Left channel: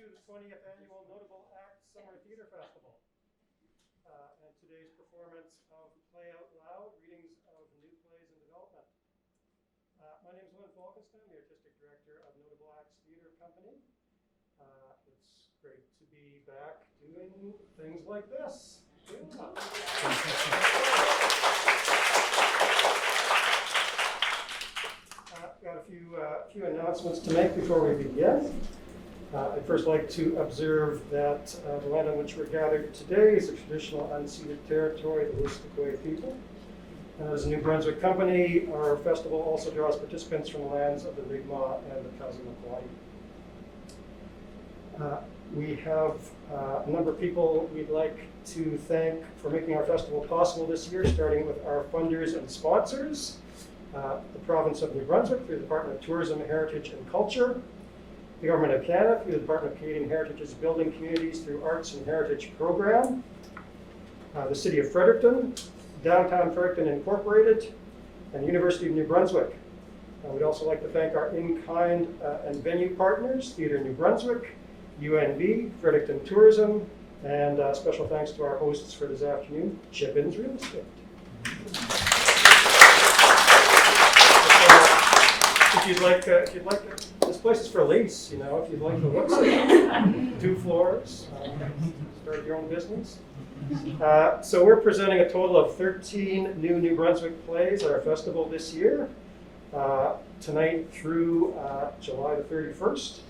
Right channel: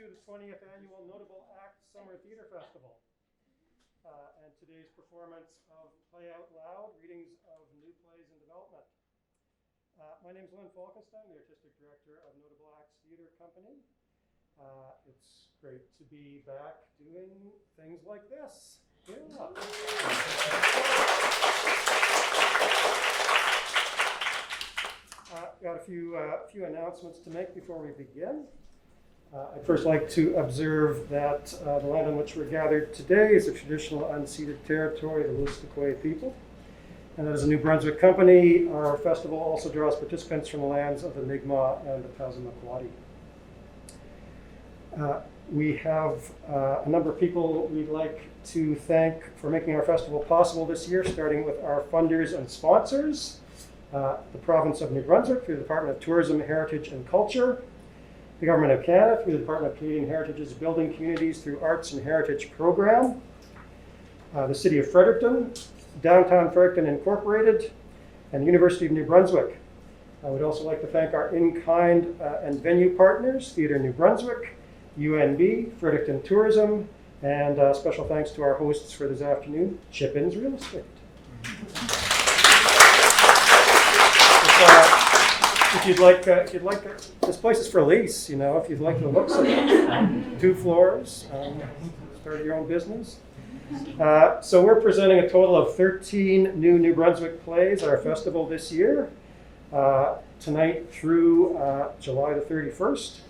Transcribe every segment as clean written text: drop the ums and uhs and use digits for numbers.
to the 20th Annual Notable Acts Summer Theatre Festival. And today's performance of Play Out Loud, readings of new plays in development. My name is Rayfore, the Artistic Director of Notable Acts Theatre Company. It's great to be back doing things like this. Got a few announcements to make before we begin. I'd first like to observe that the land on which we're gathered today is a traditional unceded territory of the Wolastoqey people. And as a New Brunswick company, our festival also draws participants from the lands of the Mi'kmaq and the Passamaquoddy. We have a number of people we'd like to thank for making our festival possible this year, starting with our funders and sponsors, the province of New Brunswick through the Department of Tourism, Heritage and Culture, the Government of Canada through the Department of Canadian Heritage's Building Communities through Arts and Heritage Program, the City of Fredericton, Downtown Fredericton Incorporated, and the University of New Brunswick. I would also like to thank our in-kind and venue partners, Theatre New Brunswick, UNB, Fredericton Tourism, and special thanks to our hosts for this afternoon, Chipin's Real Estate. If you'd like, this place is for lease, you know, if you'd like the looks of it. 2 floors, start your own business. So we're presenting a total of 13 New Brunswick plays at our festival this year, tonight through July the 31st.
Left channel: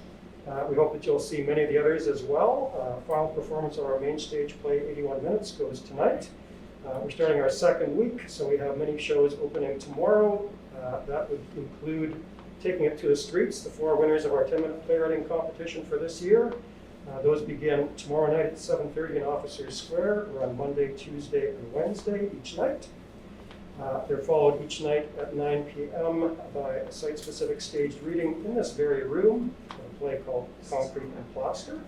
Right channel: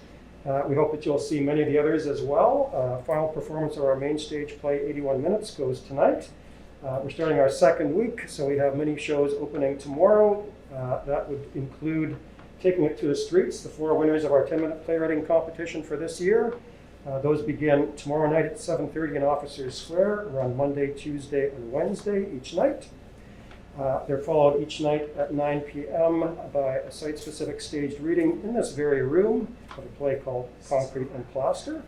We hope that you'll see many of the others as well. Final performance of our main stage play, 81 Minutes, goes tonight. We're starting our second week, so we have many shows opening tomorrow. That would include Taking It to the Streets, the 4 winners of our 10-minute playwriting competition for this year. Those begin tomorrow night at 7:30 in Officers Square, around Monday, Tuesday, and Wednesday each night. They're followed each night at 9 p.m. by a site-specific staged reading in this very room of a play called Concrete and Plaster.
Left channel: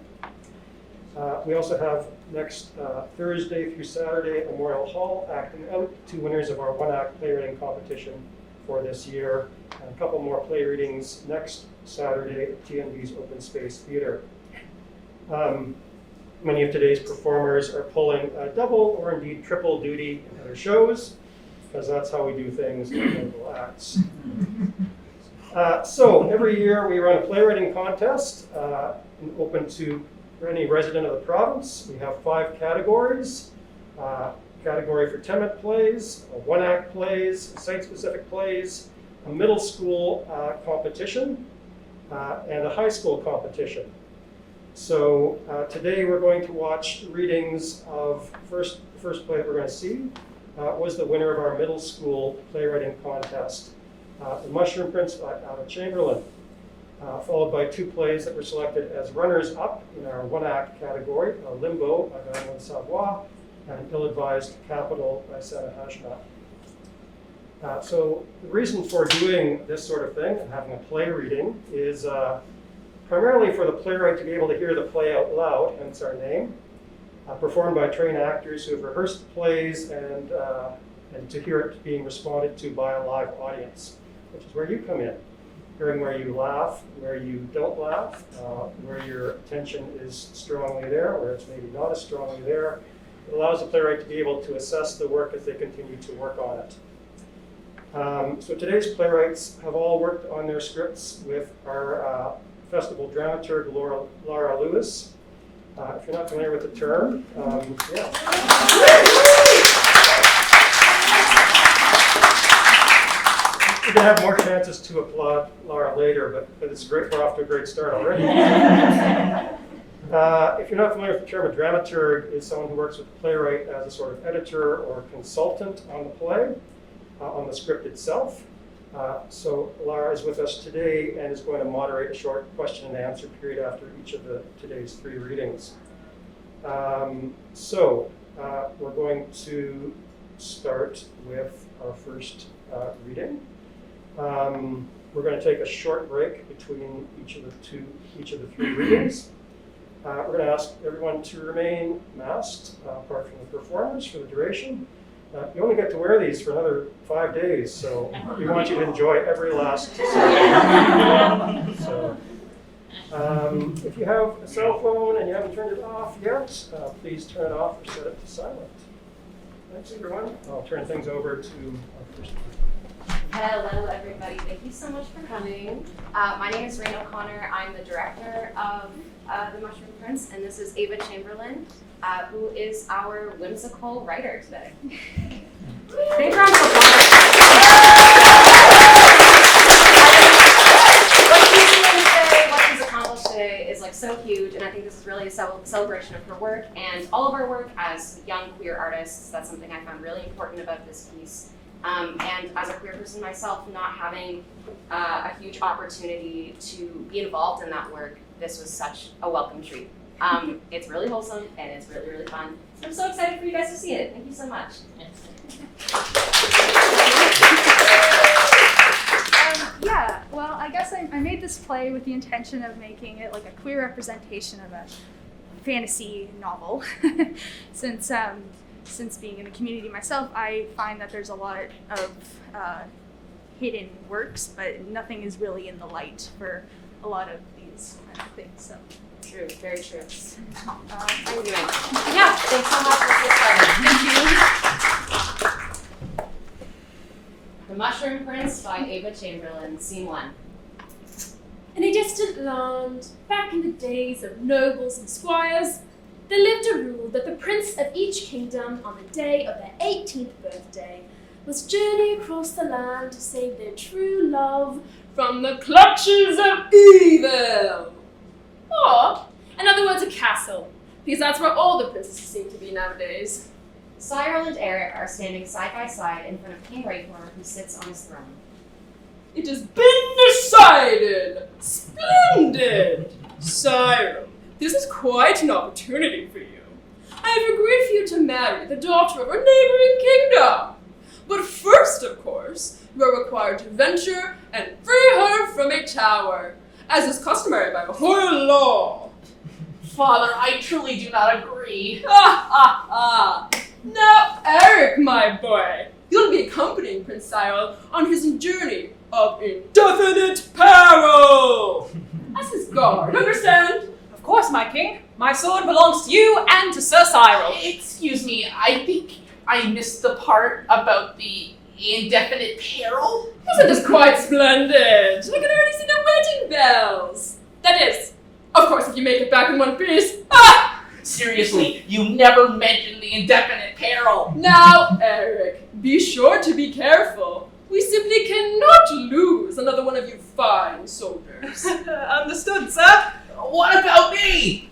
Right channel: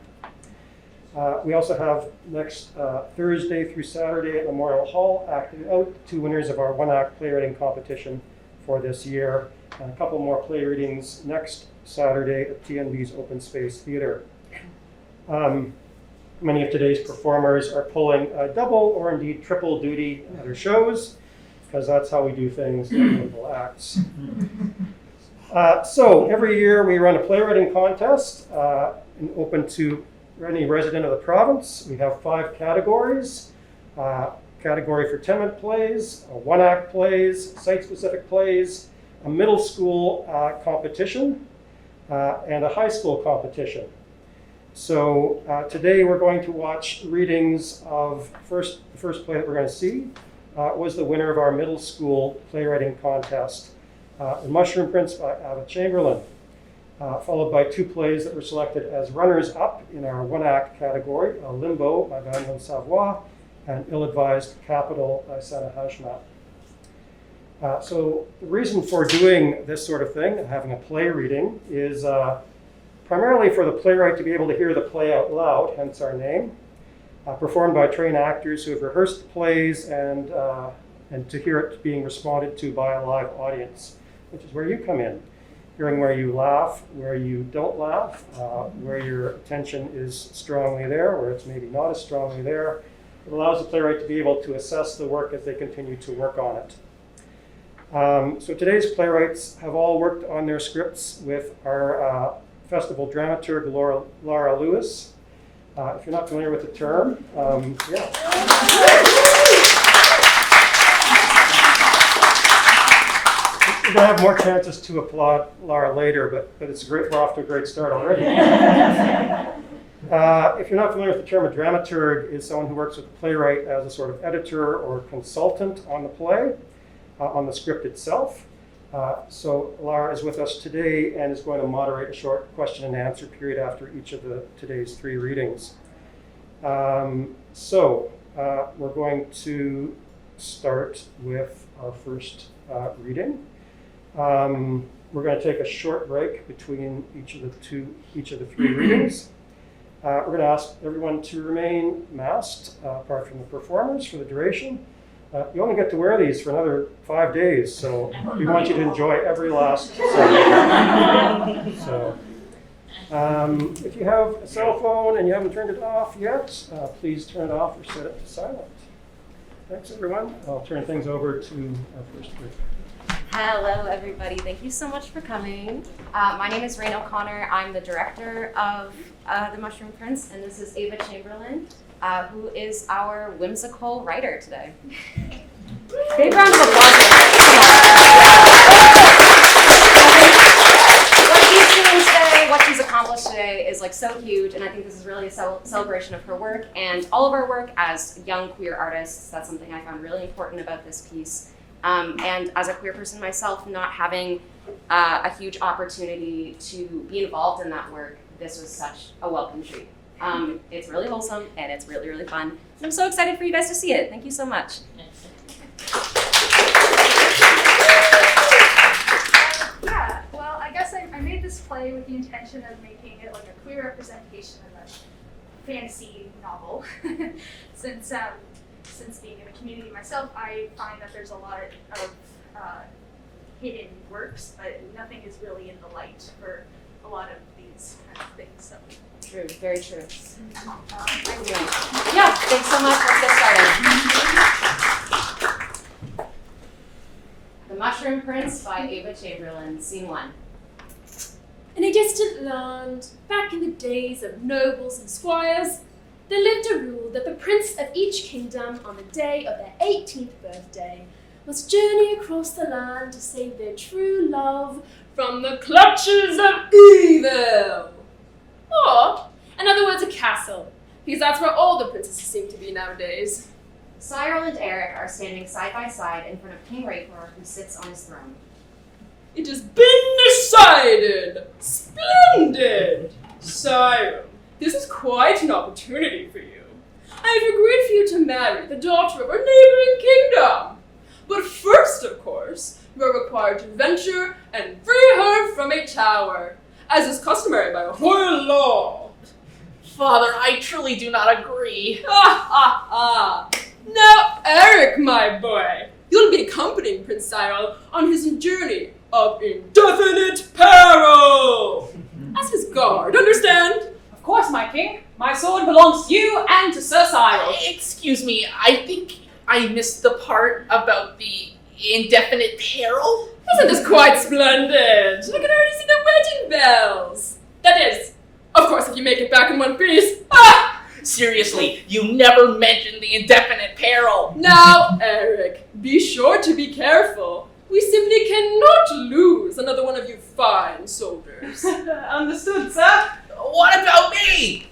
We also have next Thursday through Saturday at Memorial Hall acting out 2 winners of our 1-act playwriting competition for this year, and a couple more play readings next Saturday at TNB's Open Space Theatre. Many of today's performers are pulling a double or indeed triple duty at their shows, because that's how we do things in local acts. So every year we run a playwriting contest open to any resident of the province. We have 5 categories. Category for 10-minute plays, 1-act plays, site-specific plays, a middle school competition, and a high school competition. So today we're going to watch readings of the first play that we're going to see was the winner of our middle school playwriting contest, The Mushroom Prince by Chamberlain, followed by 2 plays that were selected as runners-up in our 1-act category, Limbo by Van Savoie, and Ill-Advised Capital by Sanahashna. So the reason for doing this sort of thing and having a play reading is primarily for the playwright to be able to hear the play out loud, hence our name, performed by trained actors who have rehearsed the plays and to hear it being responded to by a live audience, which is where you come in. Hearing where you laugh, where you don't laugh, where your attention is strongly there, where it's maybe not as strongly there. It allows the playwright to be able to assess the work as they continue to work on it. So today's playwrights have all worked on their scripts with our festival dramaturg, Laura Lewis. If you're not familiar with the term, yeah. We're going to have more chances to applaud Laura later, but it's great. We're off to a great start already. If you're not familiar with the term, a dramaturg is someone who works with the playwright as a sort of editor or consultant on the play, on the script itself. So Laura is with us today and is going to moderate a short question and answer period after each of today's 3 readings. So we're going to start with our first reading. We're going to take a short break between each of the 3 readings. We're going to ask everyone to remain masked, apart from the performers, for the duration. You only get to wear these for another 5 days, so we want you to enjoy every last second. So If you have a cell phone and you haven't turned it off yet, please turn it off or set it to silent. Thanks, everyone. I'll turn things over to our first group. Hello, everybody. Thank you so much for coming. My name is Raine. I'm the director of the Mushroom Prince, and this is Ava Chamberlain, who is our whimsical writer today. Big round of applause. What she's doing today, what she's accomplished today is like so huge, and I think this is really a celebration of her work and all of our work as young queer artists. That's something I found really important about this piece. And as a queer person myself, not having a huge opportunity to be involved in that work, this was such a welcome treat. It's really wholesome and it's really, really fun. And I'm so excited for you guys to see it. Thank you so much. Yeah, well, I guess I made this play with the intention of making it like a queer representation of a fantasy novel. Since being in the community myself, I find that there's a lot of hidden works, but nothing is really in the light for a lot of these kind of things. So. True, very true. Yeah, thanks so much. Let's get started. The Mushroom Prince by Ava Chamberlain, Scene 1. In a distant land, back in the days of nobles and squires, there lived a rule that the prince of each kingdom on the day of their 18th birthday must journey across the land to save their true love from the clutches of evil. Or, in other words, a castle, because that's where all the princesses seem to be nowadays. Cyril and Airick are standing side by side in front of King Rayfore, who sits on his throne. It has been decided! Splendid! Cyril, this is quite an opportunity for you. I have agreed for you to marry the daughter of our neighboring kingdom. But first, of course, you are required to venture and free her from a tower, as is customary by royal law. Father, I truly do not agree. Now, Airick, my boy, you'll be accompanying Prince Cyril on his journey of indefinite peril. As his guard, understand? Of course, my king. My sword belongs to you and to Sir Cyril. Excuse me, I think I missed the part about the indefinite peril. Isn't this quite splendid? I can already see the wedding bells. That is, of course, if you make it back in one piece. Seriously, you never mentioned the indefinite peril. Now, Airick, be sure to be careful. We simply cannot lose another one of you fine soldiers. Understood, sir. What about me?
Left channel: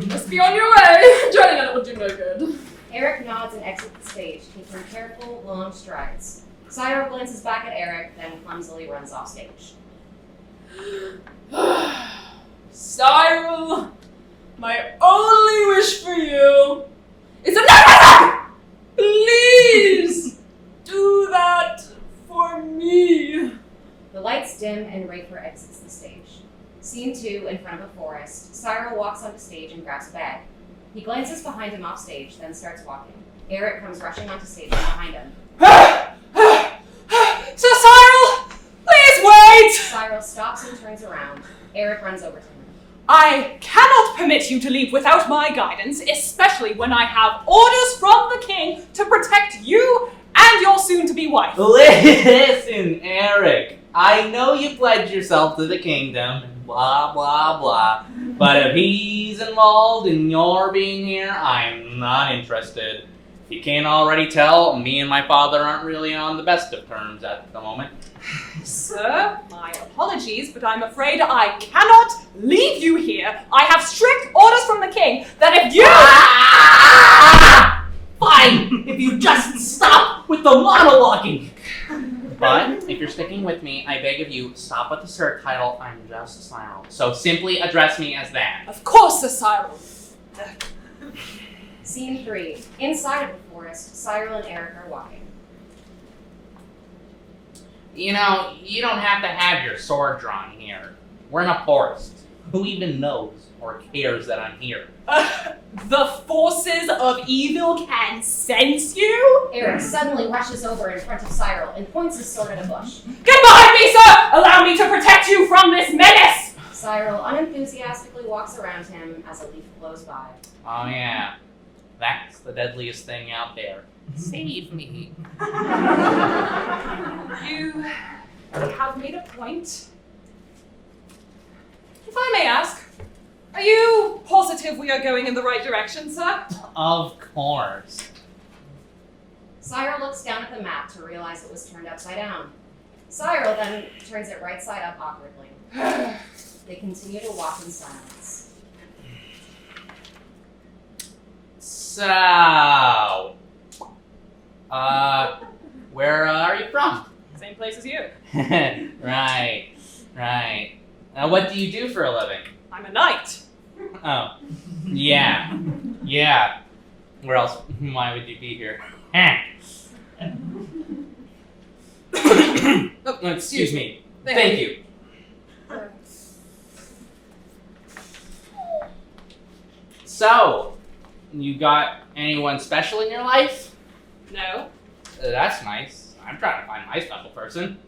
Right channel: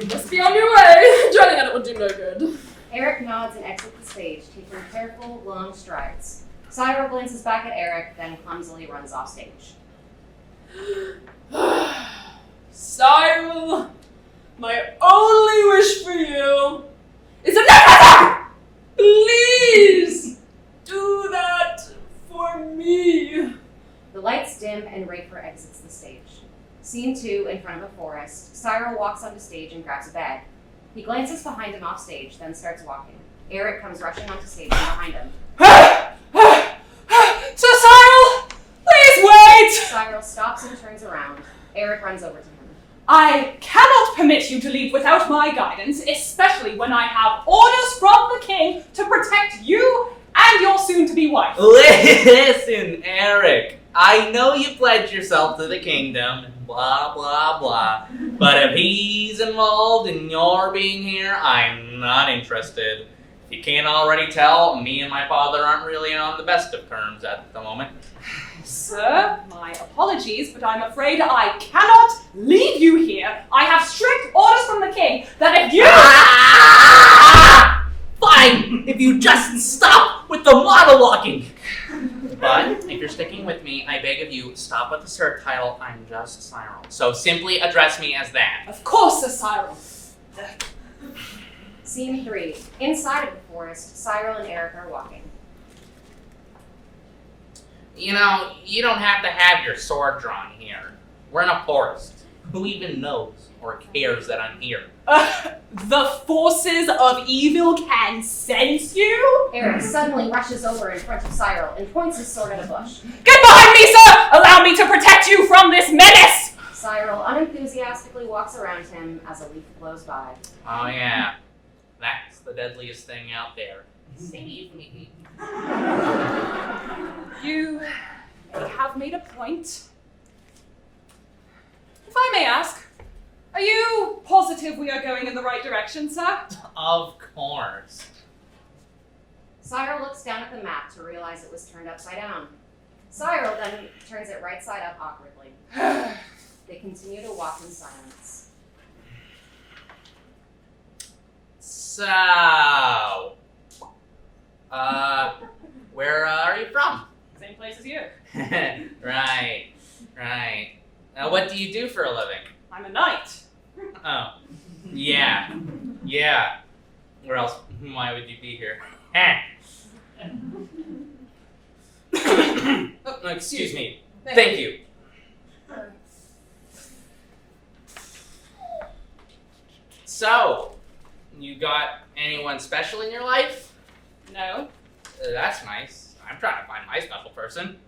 You must be on your way. Joining on it would do no good. Airick nods and exits the stage, taking careful, long strides. Cyril glances back at Airick, then clumsily runs off stage. Cyril, my only wish for you is to never, please do that for me. The lights dim and Rayfore exits the stage. Scene 2, in front of a forest, Cyril walks onto stage and grabs a bag. He glances behind him off stage, then starts walking. Airick comes rushing onto stage behind him. Sir Cyril, please wait! Cyril stops and turns around. Airick runs over to him. I cannot permit you to leave without my guidance, especially when I have orders from the king to protect you and your soon-to-be wife. Listen, Airick, I know you pledged yourself to the kingdom, and blah, blah, blah, but if he's involved in your being here, I'm not interested. If you can't already tell, me and my father aren't really on the best of terms at the moment. Sir, my apologies, but I'm afraid I cannot leave you here. I have strict orders from the king that if you... Fine, if you just stop with the monologuing. But if you're sticking with me, I beg of you, stop with the Sir title. I'm just Cyril. So simply address me as that. Of course, Sir Cyril. Scene 3. Inside of the forest, Cyril and Airick are walking. You know, you don't have to have your sword drawn here. We're in a forest. Who even knows or cares that I'm here? The forces of evil can sense you? Airick suddenly rushes over in front of Cyril and points his sword at a bush. Get behind me, sir! Allow me to protect you from this menace! Cyril unenthusiastically walks around him as a leaf blows by. Oh yeah, that's the deadliest thing out there. Save me. You have made a point. If I may ask, are you positive we are going in the right direction, sir? Of course. Cyril looks down at the map to realize it was turned upside down. Cyril then turns it right side up awkwardly. They continue to walk in silence. So, where are you from? Same place as you. Right. What do you do for a living? I'm a knight. Oh, yeah. Where else? Why would you be here? Oh, excuse me. Thank you. So, you got anyone special in your life? No, That's nice. I'm trying to find my special person.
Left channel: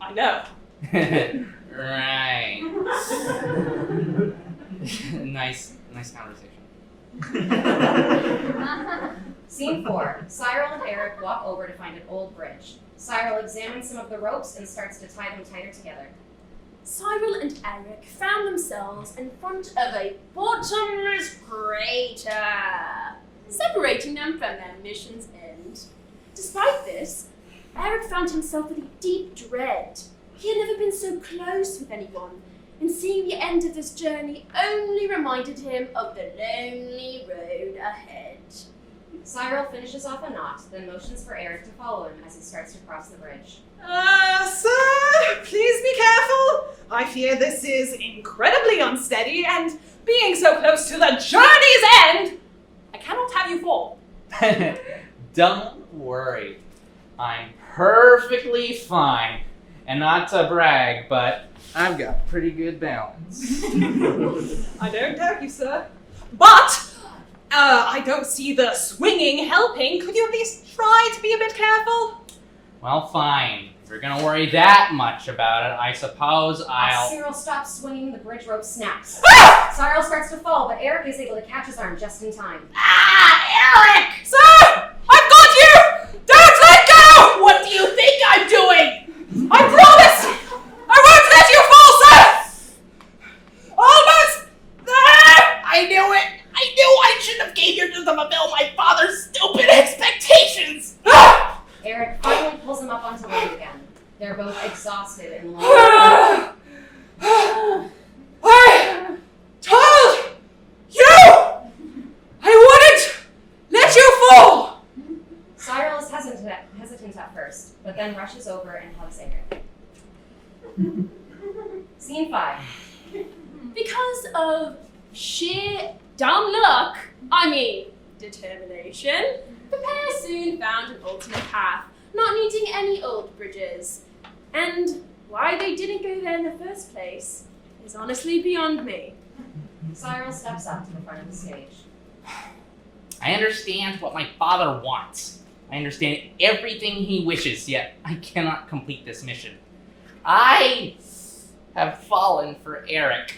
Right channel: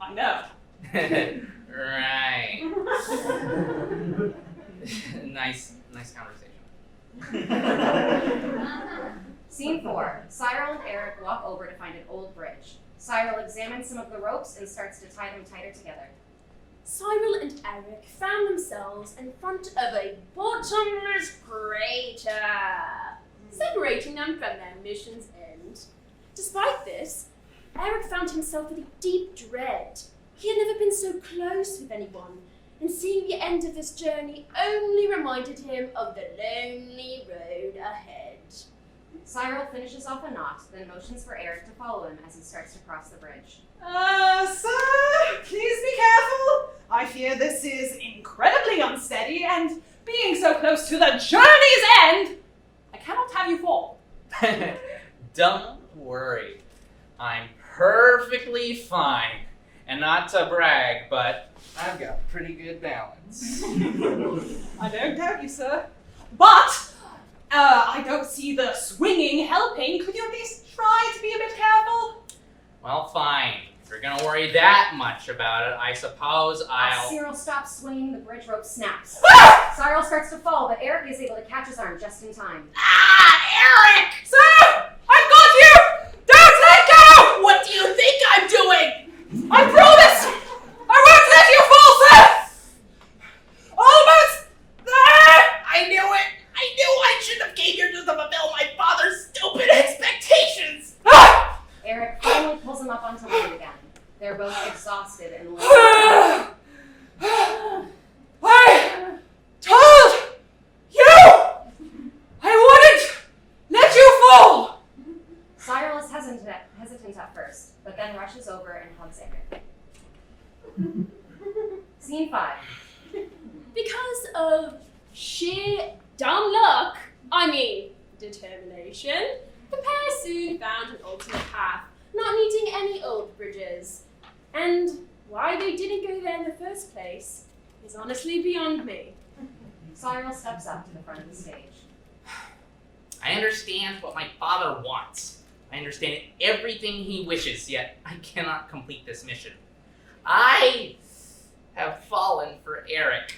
I know. Right. nice conversation. Scene 4. Cyril and Airick walk over to find an old bridge. Cyril examines some of the ropes and starts to tie them tighter together. Cyril and Airick found themselves in front of a bottomless crater, separating them from their mission's end. Despite this, Airick found himself in deep dread. He had never been so close with anyone, and seeing the end of this journey only reminded him of the lonely road ahead. Cyril finishes off a knot, then motions for Airick to follow him as he starts to cross the bridge. Sir, please be careful. I fear this is incredibly unsteady, and being so close to the journey's end, I cannot have you fall. Don't worry. I'm perfectly fine. And not to brag, but I've got pretty good balance. I don't doubt you, sir. But, I don't see the swinging helping. Could you at least try to be a bit careful? Well, fine. If you're gonna worry that much about it, I suppose As I'll... Cyril stops swinging, the bridge rope snaps. Cyril starts to fall, but Airick is able to catch his arm just in time. Airick! Sir! I've got you! Don't let go! What do you think I'm doing? I promise! I won't let you fall, sir! Almost there! I knew it! I knew I shouldn't have came here to fulfill my father's stupid expectations! Airick finally pulls him up onto land again. They're both exhausted and lonely. I told you I wouldn't let you fall! Cyril is hesitant at first, but then rushes over and hugs Airick. Scene 5. Because of sheer dumb luck, determination, the pair soon found an alternate path, not needing any old bridges. And why they didn't go there in the first place is honestly beyond me. Cyril steps up to the front of the stage. I understand what my father wants. I understand everything he wishes, yet I cannot complete this mission. I have fallen for Airick.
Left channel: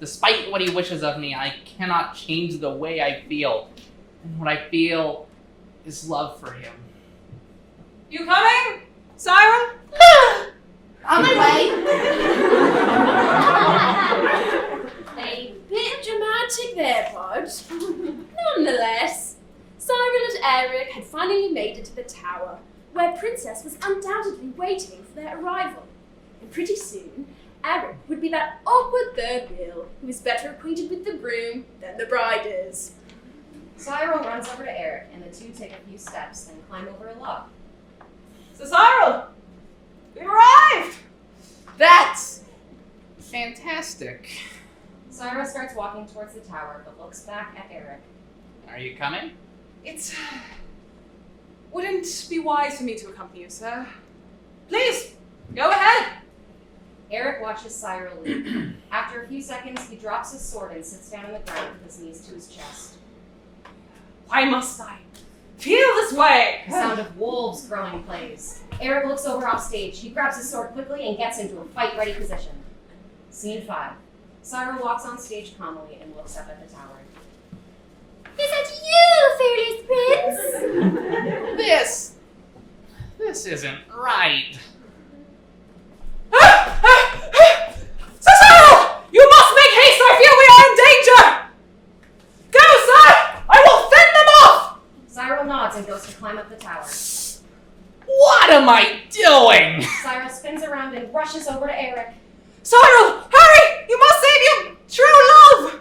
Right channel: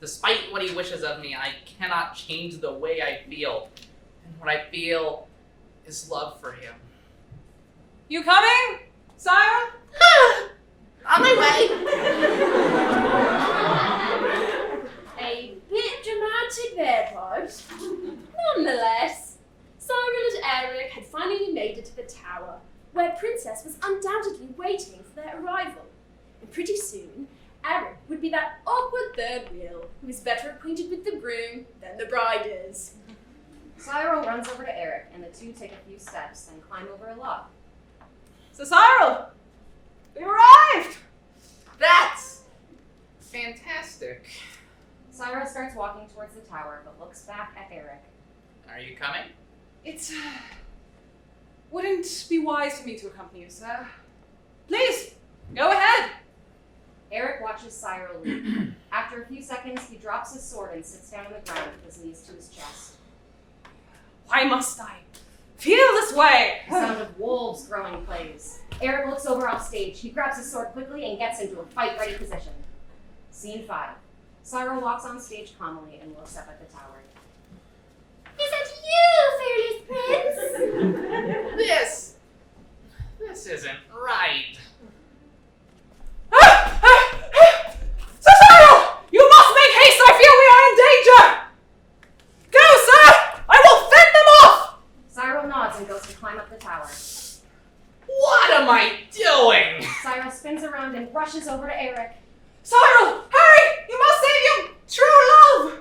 Despite what he wishes of me, I cannot change the way I feel. And what I feel is love for him. You coming, Cyril? On my way! A bit dramatic there, Pod. Nonetheless, Cyril and Airick had finally made it to the tower, where Princess was undoubtedly waiting for their arrival. And pretty soon, Airick would be that awkward third wheel who is better acquainted with the groom than the bride is. Cyril runs over to Airick, and the two take a few steps and climb over a log. So Cyril, we arrived! That's fantastic. Cyril starts walking towards the tower, but looks back at Airick. Are you coming? It wouldn't be wise for me to accompany you, sir. Please, go ahead. Airick watches Cyril leap. After a few seconds, he drops his sword and sits down on the ground with his knees to his chest. Why must I feel this way? The sound of wolves growling plays. Airick looks over off stage. He grabs his sword quickly and gets into a fight-ready position. Scene 5. Cyril walks on stage calmly and looks up at the tower. Is that you, fearless prince? This isn't right. Cyril! You must make haste! I fear we are in danger! Go, sir! I will fend them off! Cyril nods and goes to climb up the tower. What am I doing? Cyril spins around and rushes over to Airick. Cyril! Hurry! You must save your true love!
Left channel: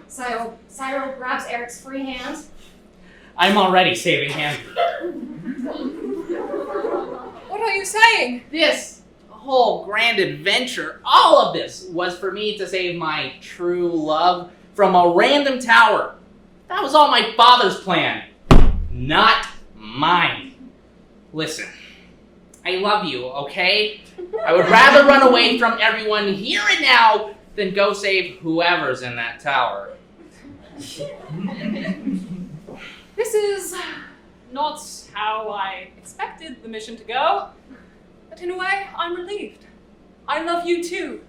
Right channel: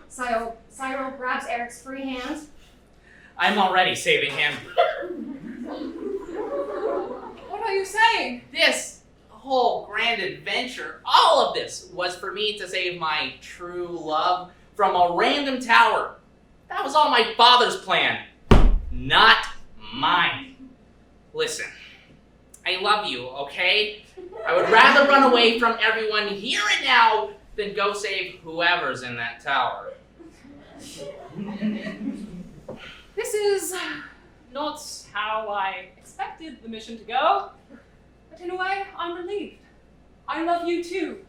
Cyril grabs Airick's free hand. I'm already saving him. What are you saying? This whole grand adventure, all of this was for me to save my true love from a random tower. That was all my father's plan, not mine. Listen, I love you, okay? I would rather run away from everyone here and now than go save whoever's in that tower. This is not how I expected the mission to go, but in a way, I'm relieved. I love you too.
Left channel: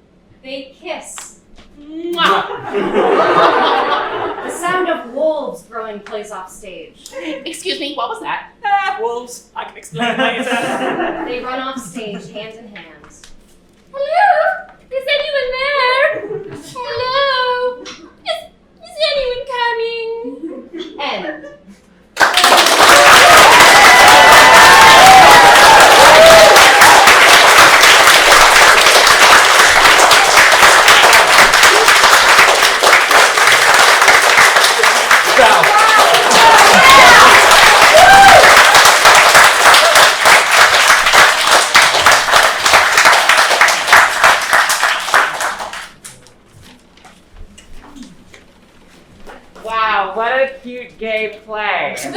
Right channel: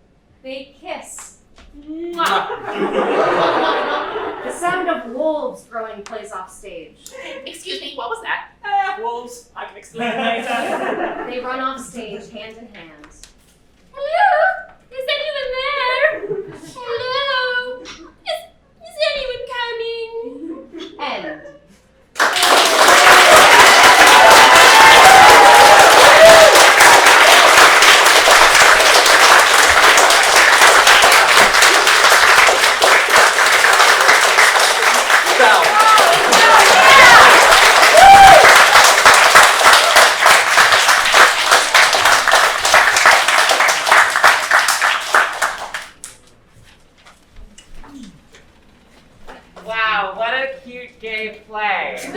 They kiss. Mwah! The sound of wolves growing plays off stage. Excuse me, what was that? Wolves. I can explain later. They run off stage hand in hand. Hello? Is anyone there? Hello? Is anyone coming? End. Wow, what a cute gay play. Can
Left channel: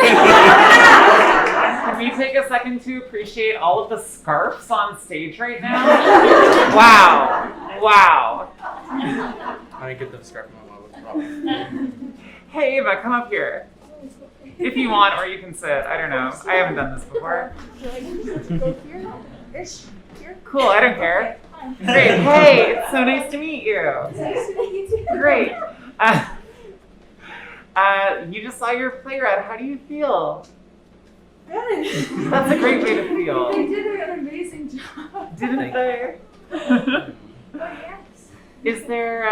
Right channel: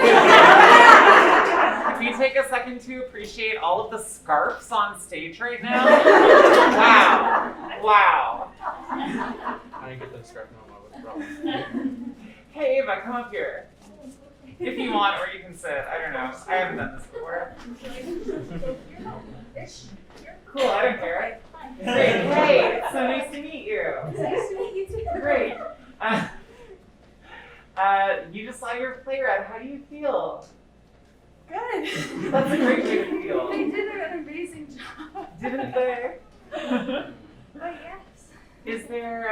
we take a second to appreciate all of the scarves on stage right now? Wow. Wow. I didn't get the scarf on my Hey, Ava, come up here. If you want, or you can sit. I don't know. I haven't done this before. Cool, I don't care. Great. Hey, it's so nice to meet you. Great. You just saw your play read. How do you feel? Good. That's a great way to feel. They did an amazing job. Didn't they? Oh, yes. Is there,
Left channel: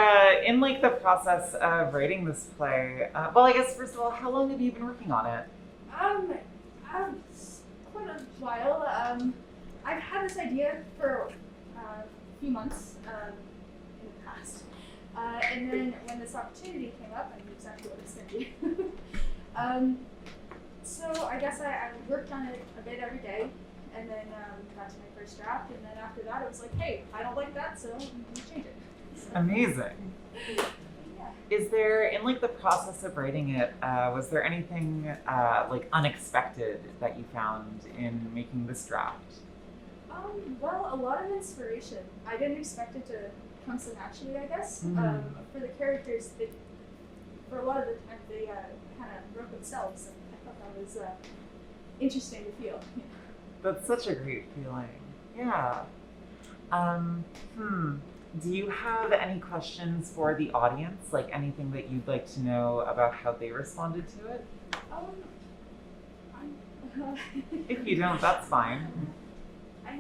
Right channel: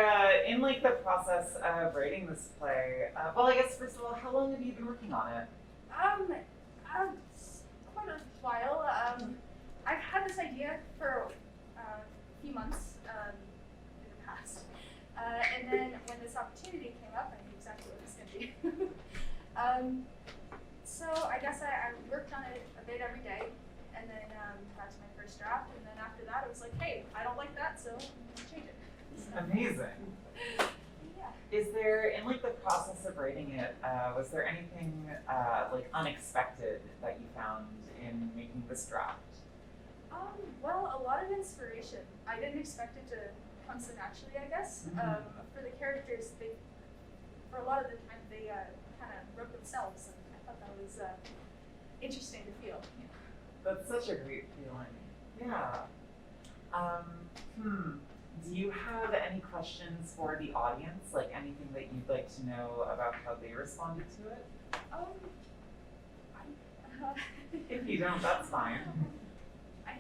in like the process of writing this play, well, I guess first of all, how long have you been working on it? Quite a while. I've had this idea for a few months in the past. And then when this opportunity came up, I knew exactly what it was going to be. So I guess I worked on it a bit every day, and then got to my first draft, and then after that it was like, hey, I don't like that, so I'm going to change it. So, Amazing. yeah. Is there, in like the process of writing it, was there anything like unexpected that you found in making this draft? Well, a lot of inspiration. I didn't expect it to come so naturally, I guess. Mhm. For the characters, for a lot of the time, they kind of wrote themselves, and I thought that was interesting to feel. That's such a great feeling. Yeah. Do you have any questions for the audience? Like anything that you'd like to know about how they responded to it? If you don't, that's fine. I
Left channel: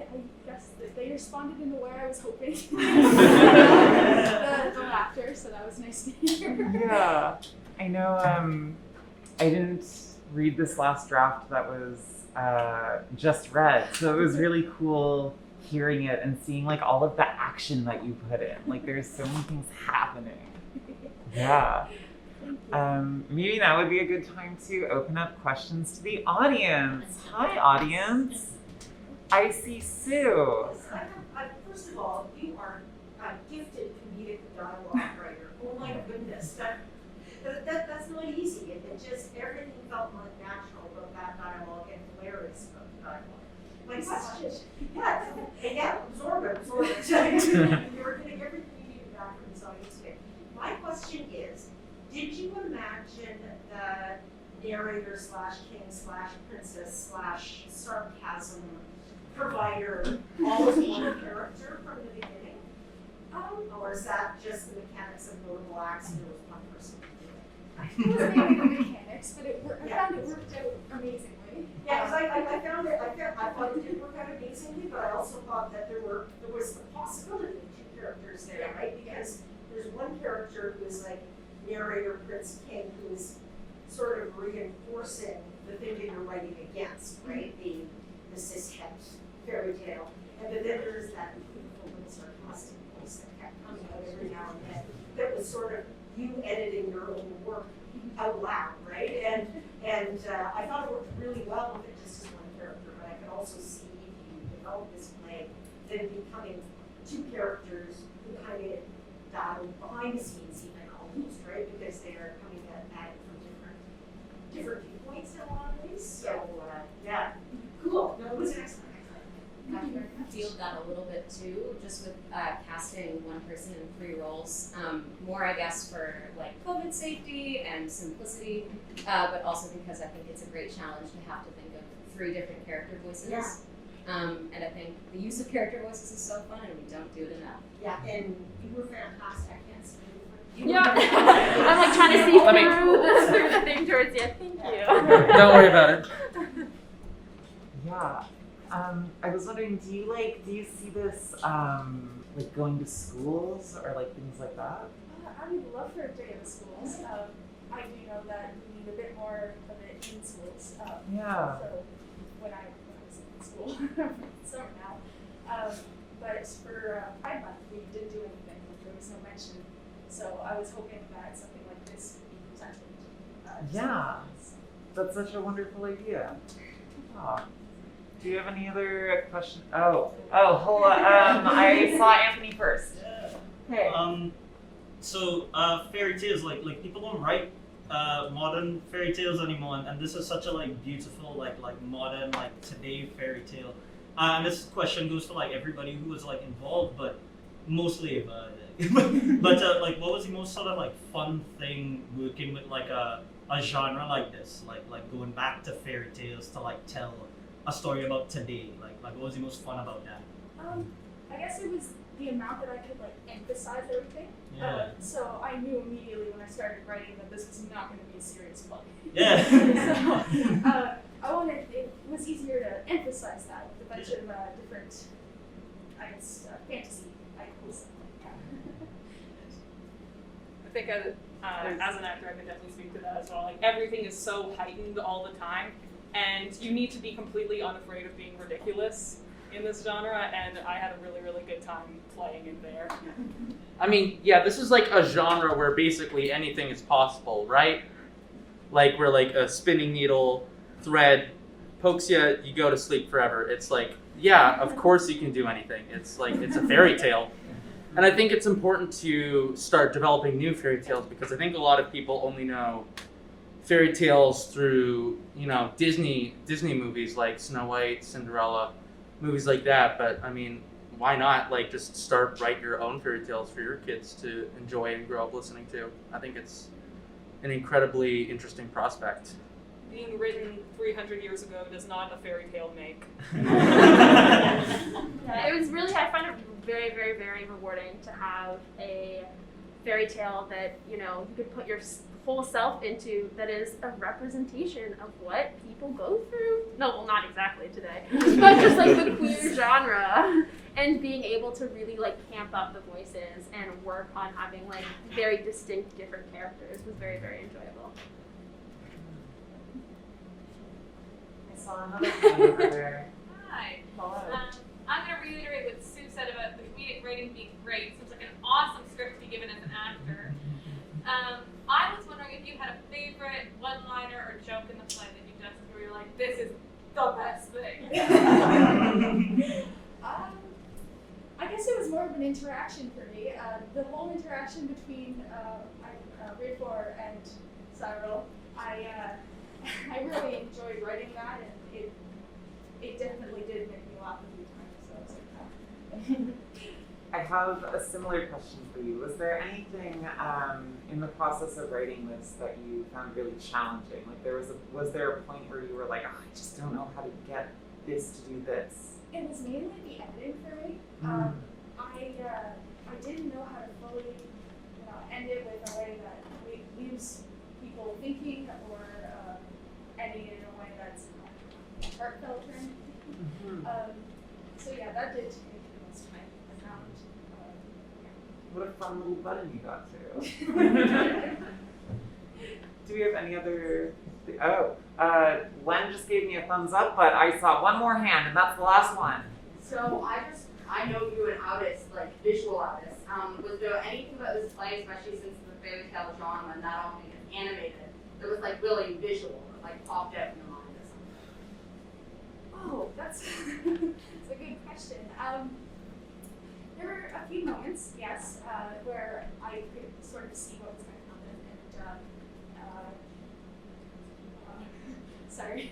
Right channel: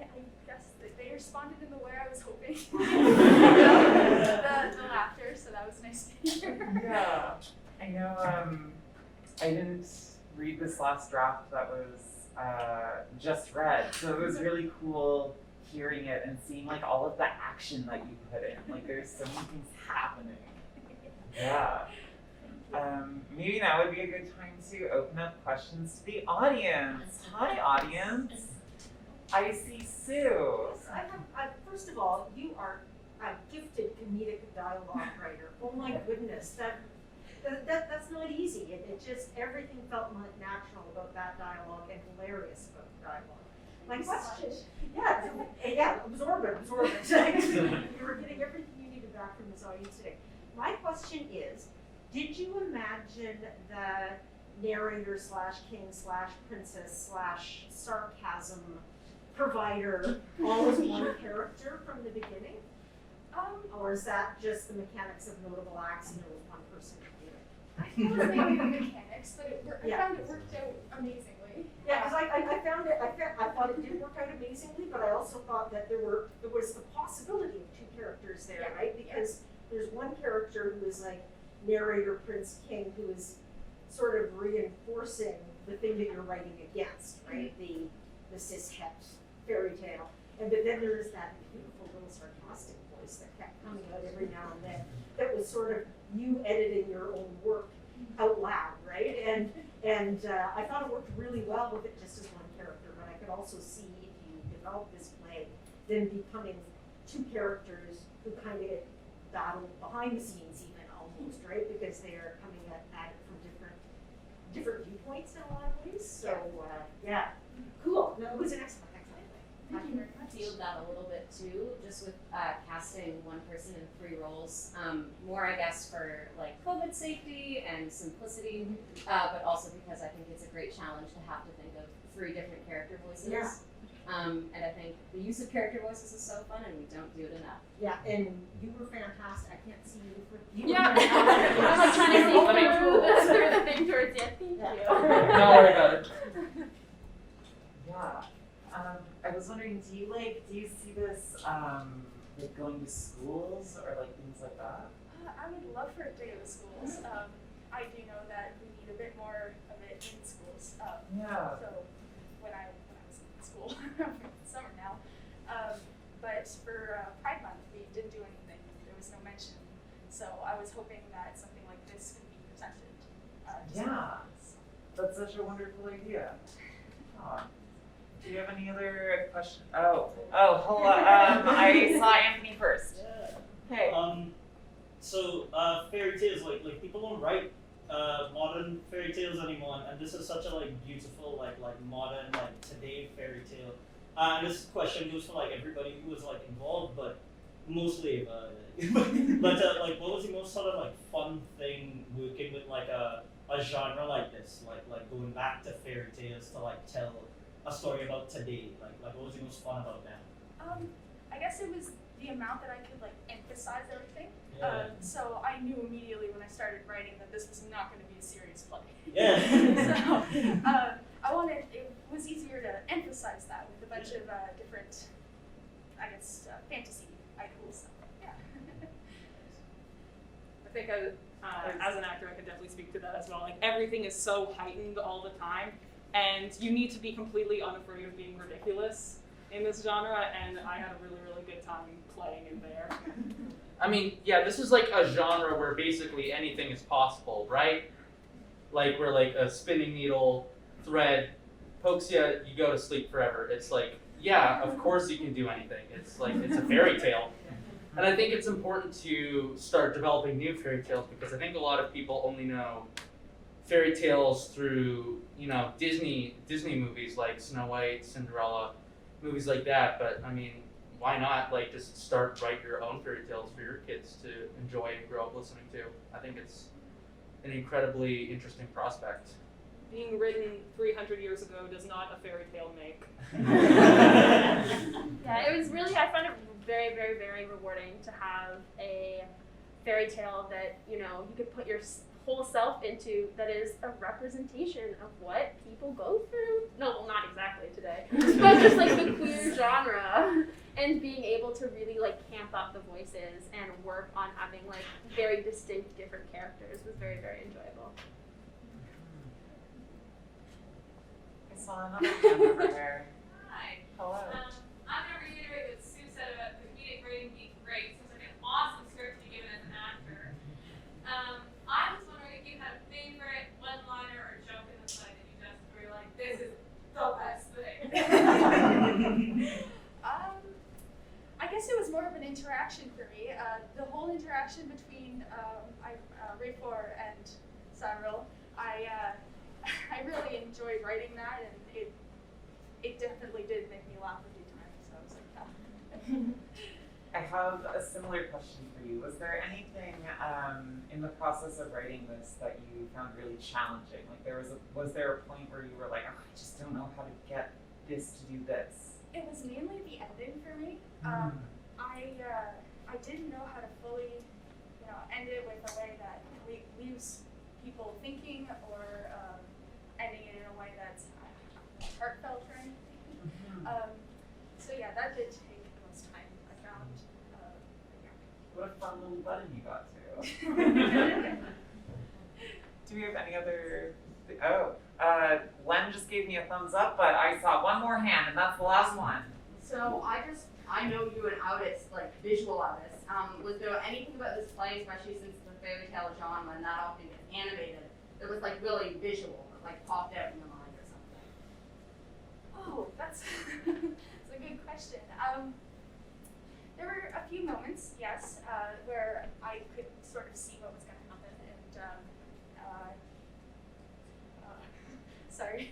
guess that they responded in the way I was hoping. the laughter, so that was nice to hear. Yeah. I know I didn't read this last draft that was just read, so it was really cool hearing it and seeing like all of the action that you put in. Like there's so many things happening. Yeah. Maybe that would be a good time to open up questions to the audience. Hi, audience. I see Sue. First of all, you are a gifted comedic dialogue writer. Oh my goodness, that's not easy. It just, everything felt like natural about that dialogue and hilarious about the dialogue. My question, absorb it. You're getting everything you needed back from this audience today. My question is, did you imagine the narrator / king / princess / sarcasm provider all as one character from the beginning? Or is that just the It was mainly the mechanics, but I Yeah. found it worked out amazingly. Yeah, because I found it, I thought it did work out amazingly, but I also thought that there was the possibility of two characters there, right? Because there's one character who was like narrator Prince King, who is sort of reinforcing the thing that you're writing against, right? The cishet fairy tale. And but then there's that beautiful little sarcastic voice that kept coming out every now and then that was sort of you editing your own work out loud, right? And I thought it worked really well with it just as one character, but I could also see if you develop this play, then becoming two characters who kind of battle behind the scenes even almost, right? Because they are coming at it from different viewpoints in a lot of ways. So yeah, cool. No, it was an excellent. Feel that a little bit too, just with casting one person in 3 roles. More, I guess, for like COVID safety and simplicity, but also because I think it's a great challenge to have to think of 3 different character voices. Yeah. And I think the use of character voices is so fun, and we don't do it enough. Yeah, and you were fantastic. I can't see you. Yeah. I'm like trying to see Let me- through the thing towards you. Thank you. Don't worry about it. Yeah. I was wondering, do you see this like going to schools or like things like that? I would love for it to go to schools. I do know that we need a bit more of it in schools. Yeah. So when I was in school, summer now. But for Pride Month, we didn't do anything. There was no mention. So I was hoping that something like this could be presented. To Yeah. students. That's such a wonderful idea. Aw. Do you have any other questions? Oh, hold on. I saw Anthony first. Hey. So fairy tales, like people don't write modern fairy tales anymore, and this is such a like beautiful like modern like today fairy tale. And this question goes for like everybody who was like involved, but mostly Eva. But like, what was the most sort of like fun thing working with like a genre like this, like going back to fairy tales to like tell a story about today? Like what was the most fun about that? I guess it was the amount that I could like emphasize everything. Yeah. So I knew immediately when I started writing that this was not going to be a serious play. Yeah. So it was easier to emphasize that with a bunch of different, I guess, fantasy icons. Yeah. I think as an actor, I could definitely speak to that as well. Like everything is so heightened all the time, and you need to be completely unafraid of being ridiculous in this genre. And I had a really, really good time playing in there. I mean, yeah, this is like a genre where basically anything is possible, right? Like where like a spinning needle thread pokes you, you go to sleep forever. It's like, yeah, of course you can do anything. It's like, it's a fairy tale. And I think it's important to start developing new fairy tales because I think a lot of people only know fairy tales through, you know, Disney movies like Snow White, Cinderella, movies like that. But I mean, why not like just write your own fairy tales for your kids to enjoy and grow up listening to? I think it's an incredibly interesting prospect. Being written 300 years ago does not a fairy tale make. Yeah, it was really, I find it very, very, very rewarding to have a fairy tale that, you know, you could put your whole self into that is a representation of what people go through. No, well, not exactly today, but just like the queer genre. And being able to really like camp up the voices and work on having like very distinct different characters was very, very enjoyable. I saw another hand over there. Hi. Hello. I'm going to reiterate what Sue said about the comedic writing being great. Seems like an awesome script to be given as an actor. I was wondering if you had a favorite one-liner or joke in the play that you just where you're like, this is the best thing. I guess it was more of an interaction for me. The whole interaction between Rayfore and Cyril, I really enjoyed writing that, and it definitely did make me laugh a few times. So I was like, oh. I have a similar question for you. Was there anything in the process of writing this that you found really challenging? Like was there a point where you were like, oh, I just don't know how to get this to do this? It was mainly the editing for me. I didn't know how to fully, end it with a way that leaves people So yeah, that did take the most time I found. What a fun little button you got to. Do we have any other? Oh, Len just gave me a thumbs up, but I saw one more hand, and that's the last one. So I know you an artist, like visual artist. Was there anything about this play, especially since the fairy tale genre, not only animated, that was like really visual, like popped out in your mind or something? Oh, that's that's a good question. There were a few moments, yes, where I could sort of see what was going to happen, and sorry.